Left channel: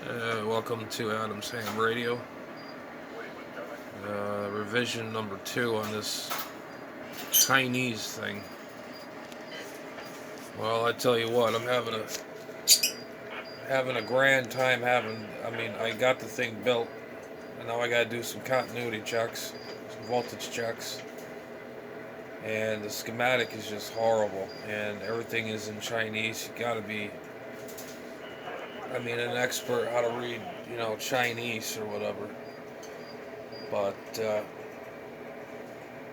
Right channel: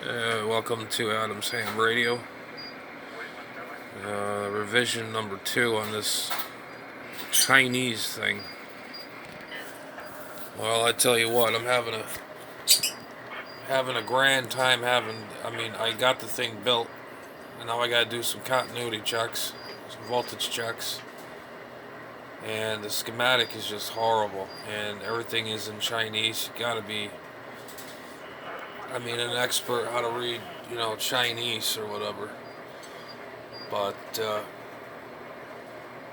Welcome to Adam's Ham Radio. Revision number 2 on this Chinese thing. Well, I tell you what, I'm having a grand time I got the thing built, and now I gotta do some continuity checks, some voltage checks, and the schematic is just horrible, and everything is in Chinese. You gotta be, an expert how to read, Chinese or whatever. But,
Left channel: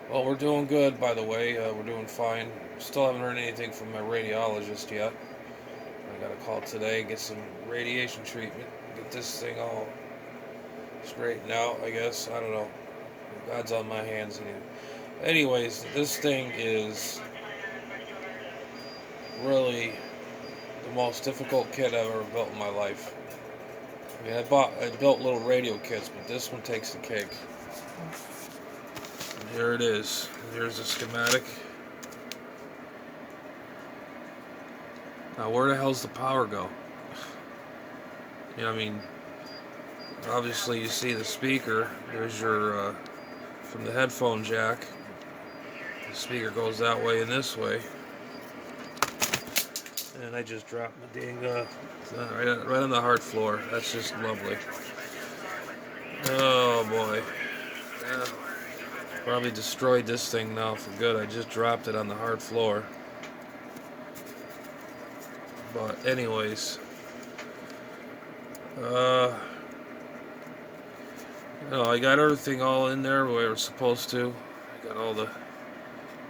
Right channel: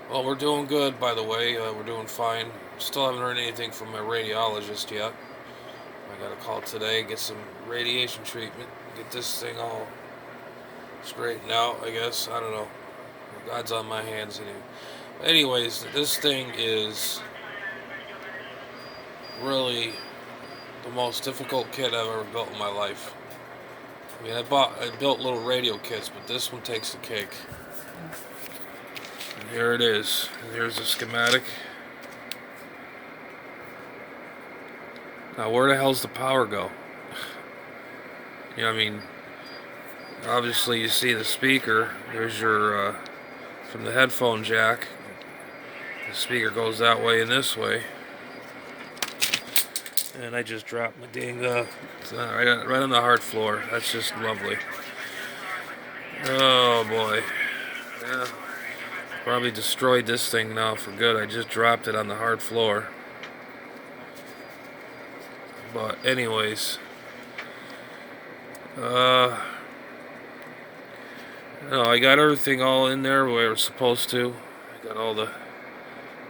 well, we're doing good, by the way. We're doing fine. Still haven't heard anything from my radiologist yet. I got a call today, get some radiation treatment, get this thing all straightened out, I guess. I don't know. God's on my hands anyway. Anyways, this thing is really the most difficult kit I've ever built in my life. I built little radio kits, but this one takes the cake. And here it is. Here's the schematic. Now, where the hell's the power go? Obviously you see the speaker. There's your, from the headphone jack. The speaker goes that way and this way. And I just dropped my dang, right on the hard floor. That's just lovely. Oh boy. Yeah. Probably destroyed this thing now for good. I just dropped it on the hard floor. But anyways. I got everything all in there where it's supposed to. I got all the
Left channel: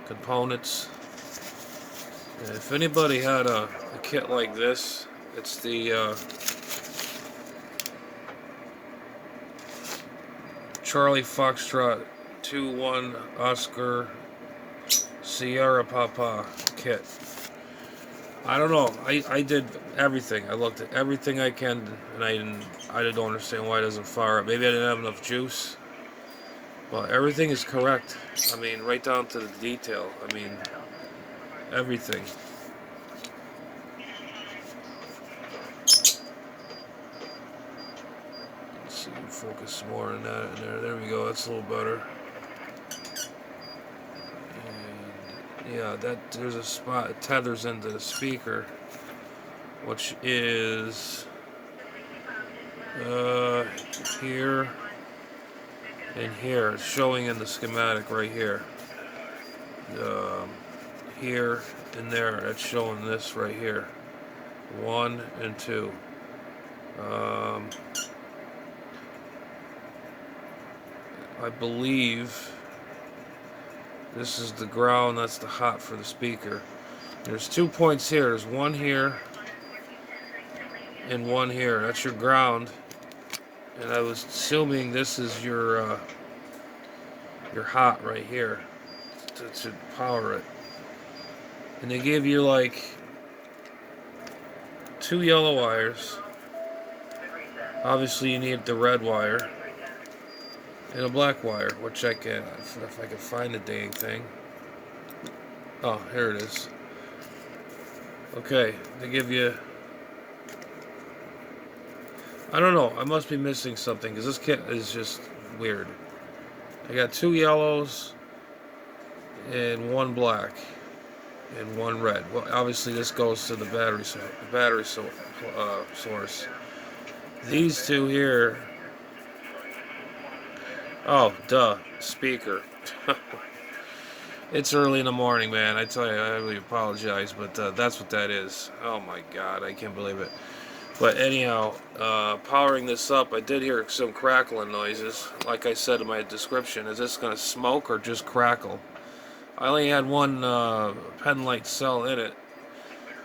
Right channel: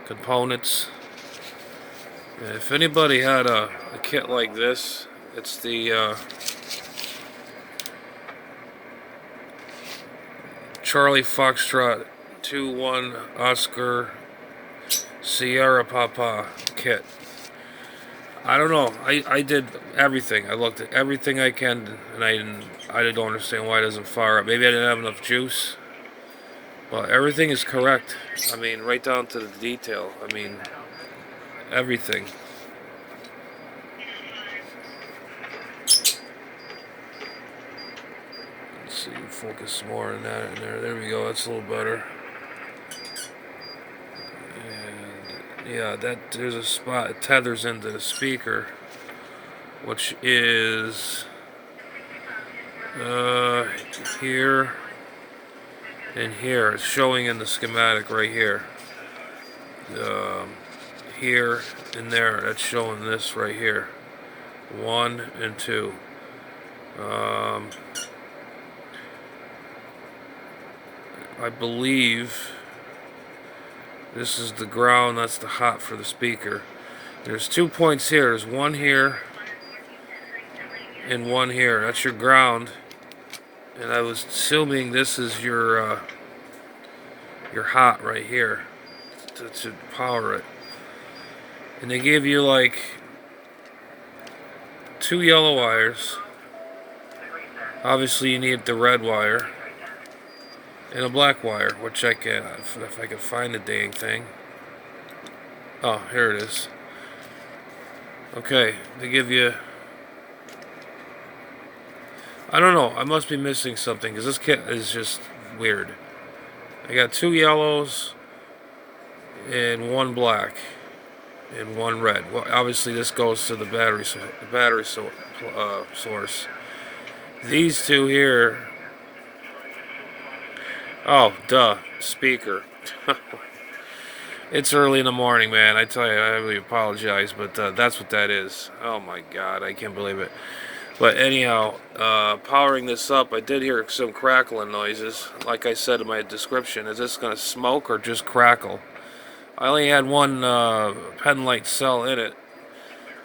components. And if anybody had a kit like this, it's the Charlie Foxtrot 2-1 Oscar Sierra Papa kit. I don't know. I did everything. I looked at everything I can, and I don't understand why it doesn't fire up. Maybe I didn't have enough juice. But everything is correct. Right down to the detail. Everything. Let's see, focus more on that in there. There we go. That's a little better. And yeah, there's a spot. It tethers into the speaker, which is here and here. It's showing in the schematic right here. Here and there. That's showing this right here. 1 and 2. I believe this is the ground. That's the hot for the speaker. There's 2 points here. There's one here and one here. That's your ground. And I was assuming this is your hot right here to power it. And they give you like 2 yellow wires. Obviously you need the red wire and a black wire, which I can, if I can find the dang thing. Oh, here it is. Okay, they give you, I don't know, I must be missing something because this kit is just weird. I got 2 yellows and 1 black and 1 red. Well, obviously this goes to the battery source. These 2 here. Oh, duh, speaker. It's early in the morning, man. I tell you, I really apologize, but that's what that is. Oh my God, I can't believe it. But anyhow, powering this up, I did hear some crackling noises. Like I said in my description, is this going to smoke or just crackle? I only had 1 pen light cell in it.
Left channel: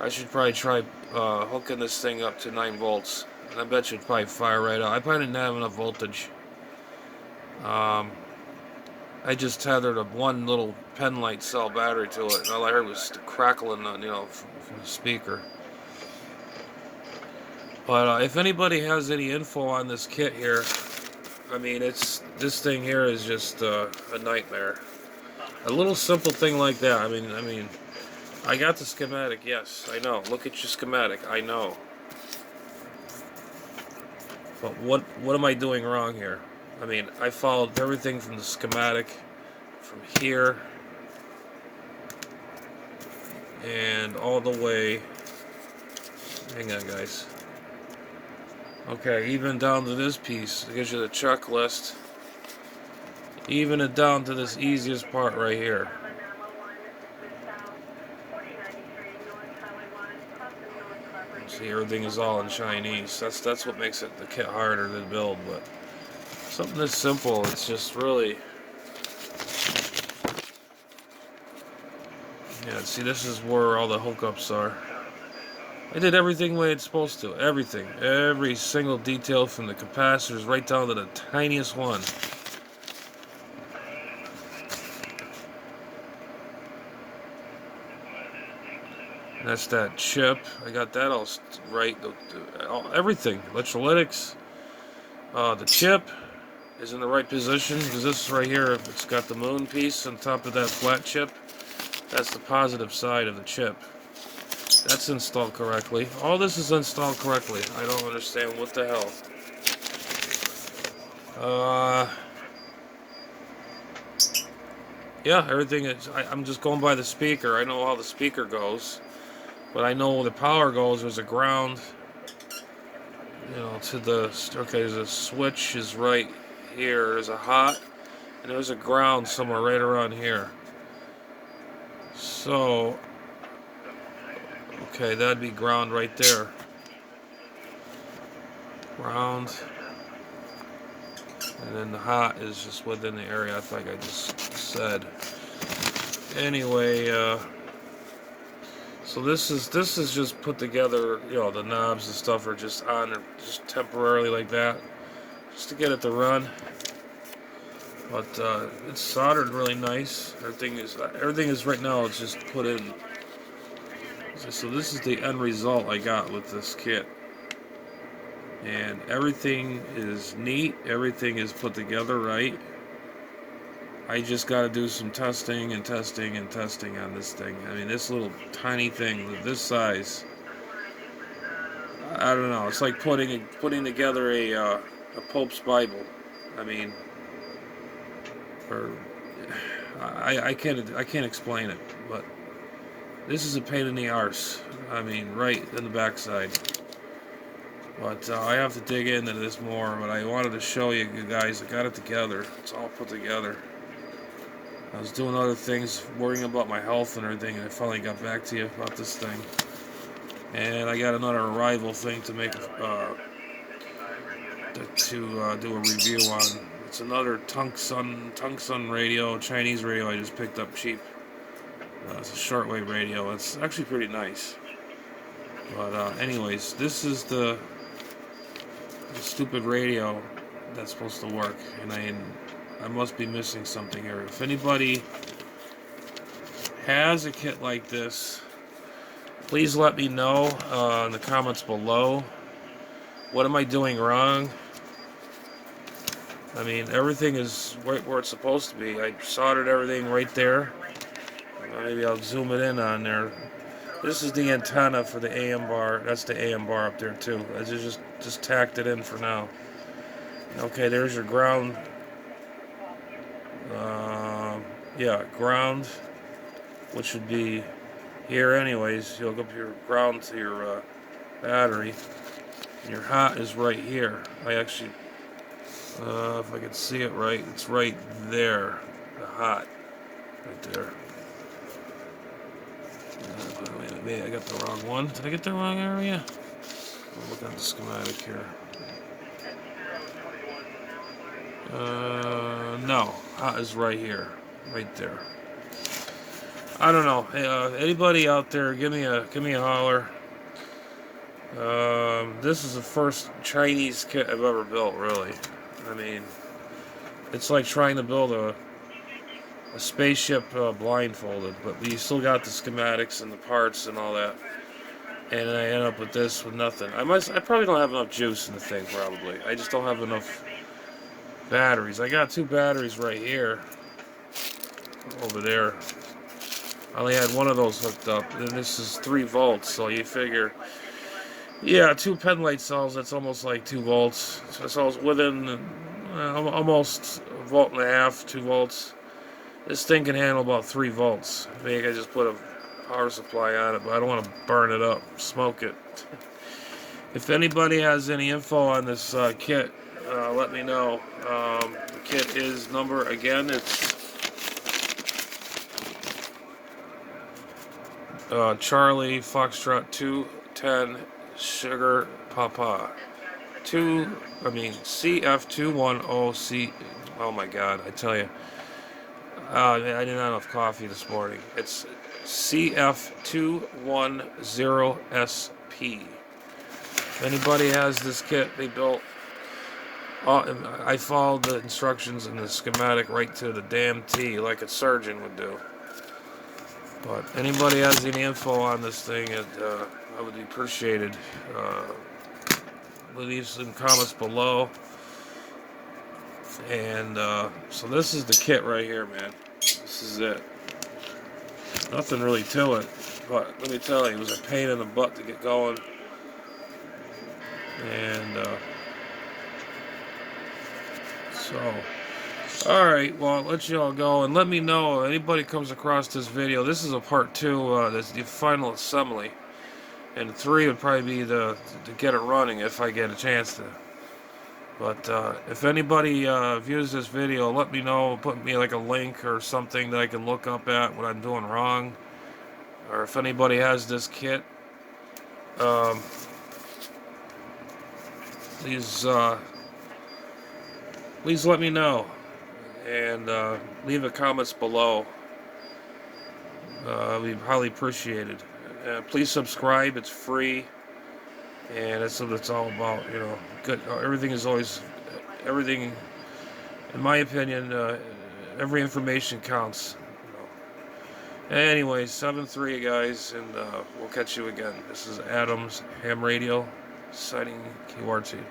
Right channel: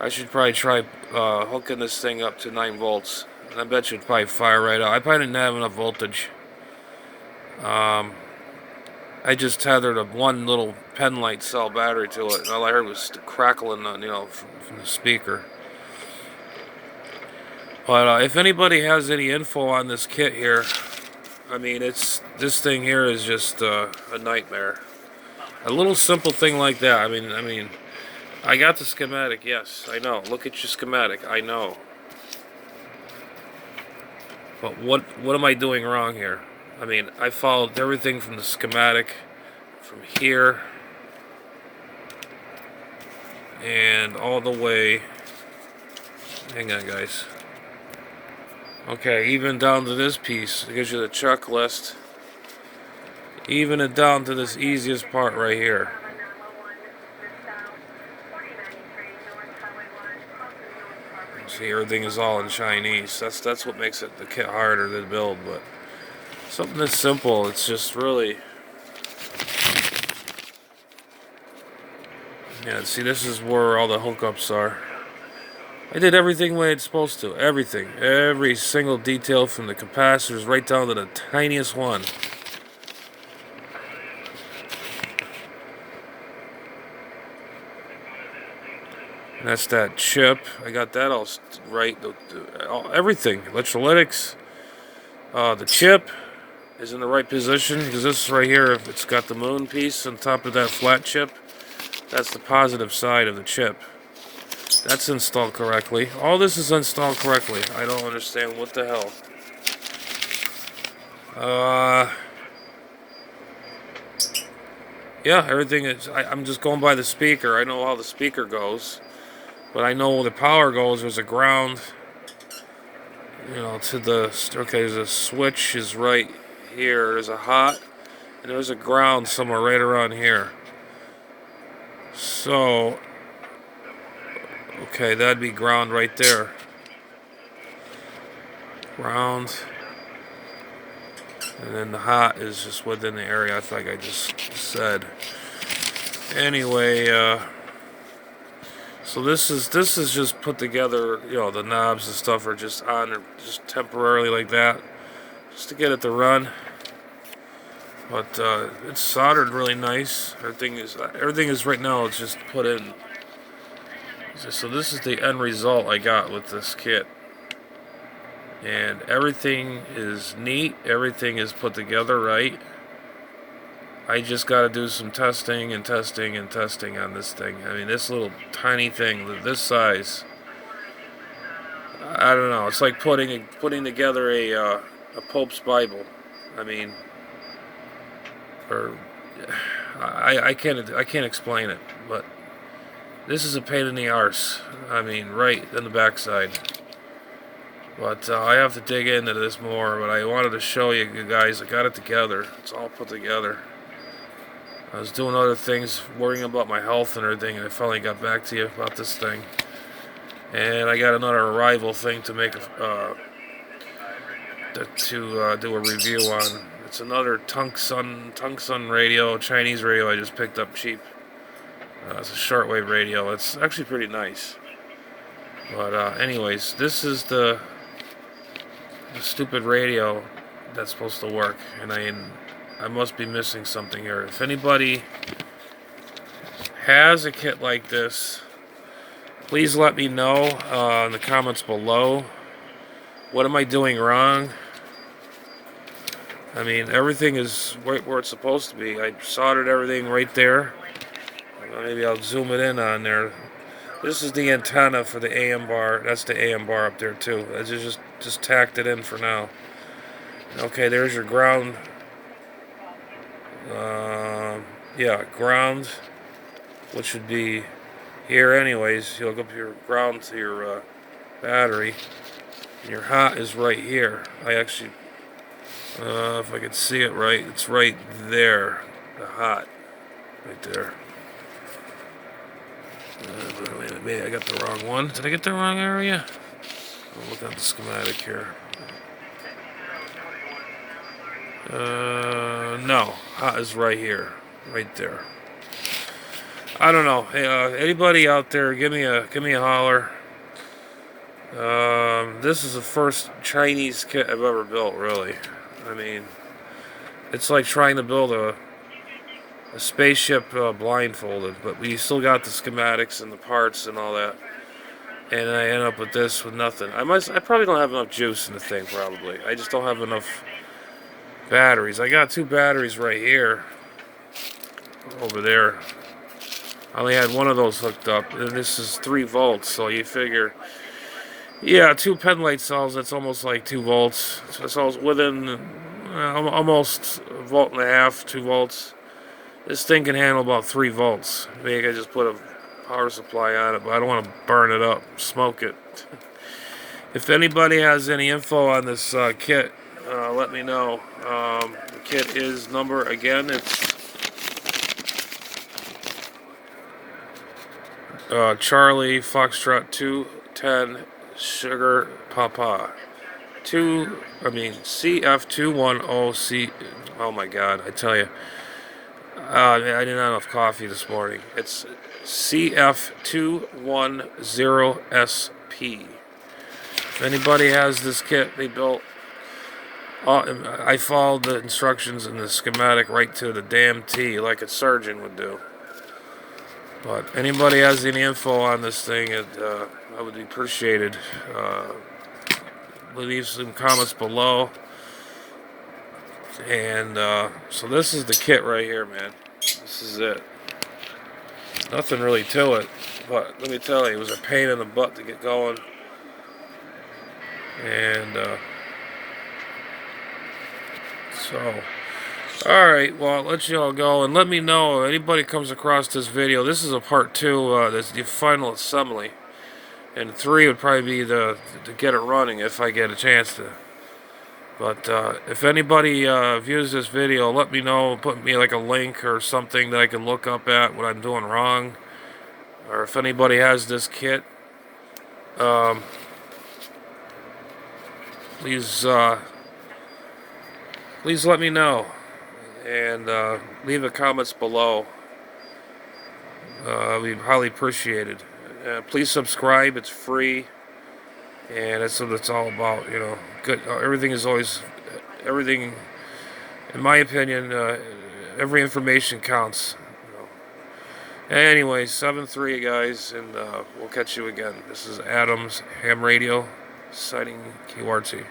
I should probably try hooking this thing up to 9 volts. And I bet you'd probably fire right out. I probably didn't have enough voltage. I just tethered 1 little pen light cell battery to it, and all I heard was the crackling, from the speaker. But if anybody has any info on this kit here, this thing here is just a nightmare. A little simple thing like that. I got the schematic. Yes, I know. Look at your schematic. I know. But what am I doing wrong here? I mean, I followed everything from the schematic from here and all the way. Hang on, guys. Okay, even down to this piece. It gives you the checklist. Even it down to this easiest part right here. See, everything is all in Chinese. That's what makes the kit harder to build. But something that's simple, it's just really. Yeah, see, this is where all the hookups are. I did everything the way it's supposed to. Everything. Every single detail from the capacitors right down to the tiniest one. And that's that chip. I got that all right. Everything. Electrolytics. The chip is in the right position because this right here, if it's got the moon piece on top of that flat chip, that's the positive side of the chip. That's installed correctly. All this is installed correctly. I don't understand what the hell. Yeah, everything is. I'm just going by the speaker. I know how the speaker goes, but I know where the power goes. There's a ground. You know, to the okay. There's a switch is right here. There's a hot, and there's a ground somewhere right around here. So, okay, that'd be ground right there. Ground. And then the hot is just within the area, I think I just said. Anyway, so this is just put together, you know, the knobs and stuff are just on there just temporarily like that. Just to get it to run. But it's soldered really nice. Everything is right now, it's just put in. So this is the end result I got with this kit. And everything is neat. Everything is put together right. I just got to do some testing and testing and testing on this thing. I mean, this little tiny thing, this size. I don't know. It's like putting together a Pope's Bible. I mean, or I can't explain it. But this is a pain in the arse. I mean, right in the backside. But I have to dig into this more, but I wanted to show you guys. I got it together. It's all put together. I was doing other things, worrying about my health and everything, and I finally got back to you about this thing. And I got another arrival thing to make to do a review on. It's another Tungsten radio, Chinese radio I just picked up cheap. It's a shortwave radio. It's actually pretty nice. But anyways, this is the stupid radio that's supposed to work, and I must be missing something here. If anybody has a kit like this, please let me know in the comments below. What am I doing wrong? I mean, everything is right where it's supposed to be. I soldered everything right there. Maybe I'll zoom it in on there. This is the antenna for the AM bar. That's the AM bar up there too. I just tacked it in for now. Okay, there's your ground. Yeah, ground, which would be here anyways. You hook up your ground to your battery. And your hot is right here. I actually, if I could see it right, it's right there. The hot, right there. Maybe I got the wrong one. Did I get the wrong area? I'll look at the schematic here. No, hot is right here, right there. I don't know. Hey, anybody out there, give me a holler. This is the first Chinese kit I've ever built, really. I mean, it's like trying to build a spaceship blindfolded, but we still got the schematics and the parts and all that. And I end up with this with nothing. I probably don't have enough juice in the thing, probably. I just don't have enough batteries. I got 2 batteries right here. Over there. I only had one of those hooked up. And this is 3 volts, so you figure Yeah, 2 pen light cells. That's almost like 2 volts. So it's within almost a volt and a half, 2 volts. This thing can handle about 3 volts. Maybe I just put a power supply on it, but I don't want to burn it up, smoke it. If anybody has any info on this kit, let me know. The kit is number again. It's Charlie Foxtrot 210 Sugar Papa. CF210C. Oh my God, I tell you. I didn't have enough coffee this morning. It's CF210SP. If anybody has this kit, they built. I followed the instructions in the schematic right to the damn T, like a surgeon would do. But anybody has any info on this thing, I would be appreciated. Leave some comments below. And so this is the kit right here, man. This is it. Nothing really to it, but let me tell you, it was a pain in the butt to get going. And so, alright, well, I'll let you all go. And let me know if anybody comes across this video. This is a part 2, that's the final assembly. And 3 would probably be to get it running if I get a chance to. But if anybody views this video, let me know. Put me like a link or something that I can look up at what I'm doing wrong. Or if anybody has this kit, please let me know. And leave the comments below. We'd highly appreciate it. Please subscribe. It's free. And that's what it's all about, you know. Good. Everything is always, everything, in my opinion, every information counts. You know. Anyway, 7-3, guys, and we'll catch you again. This is Adam's Ham Radio, signing QRT.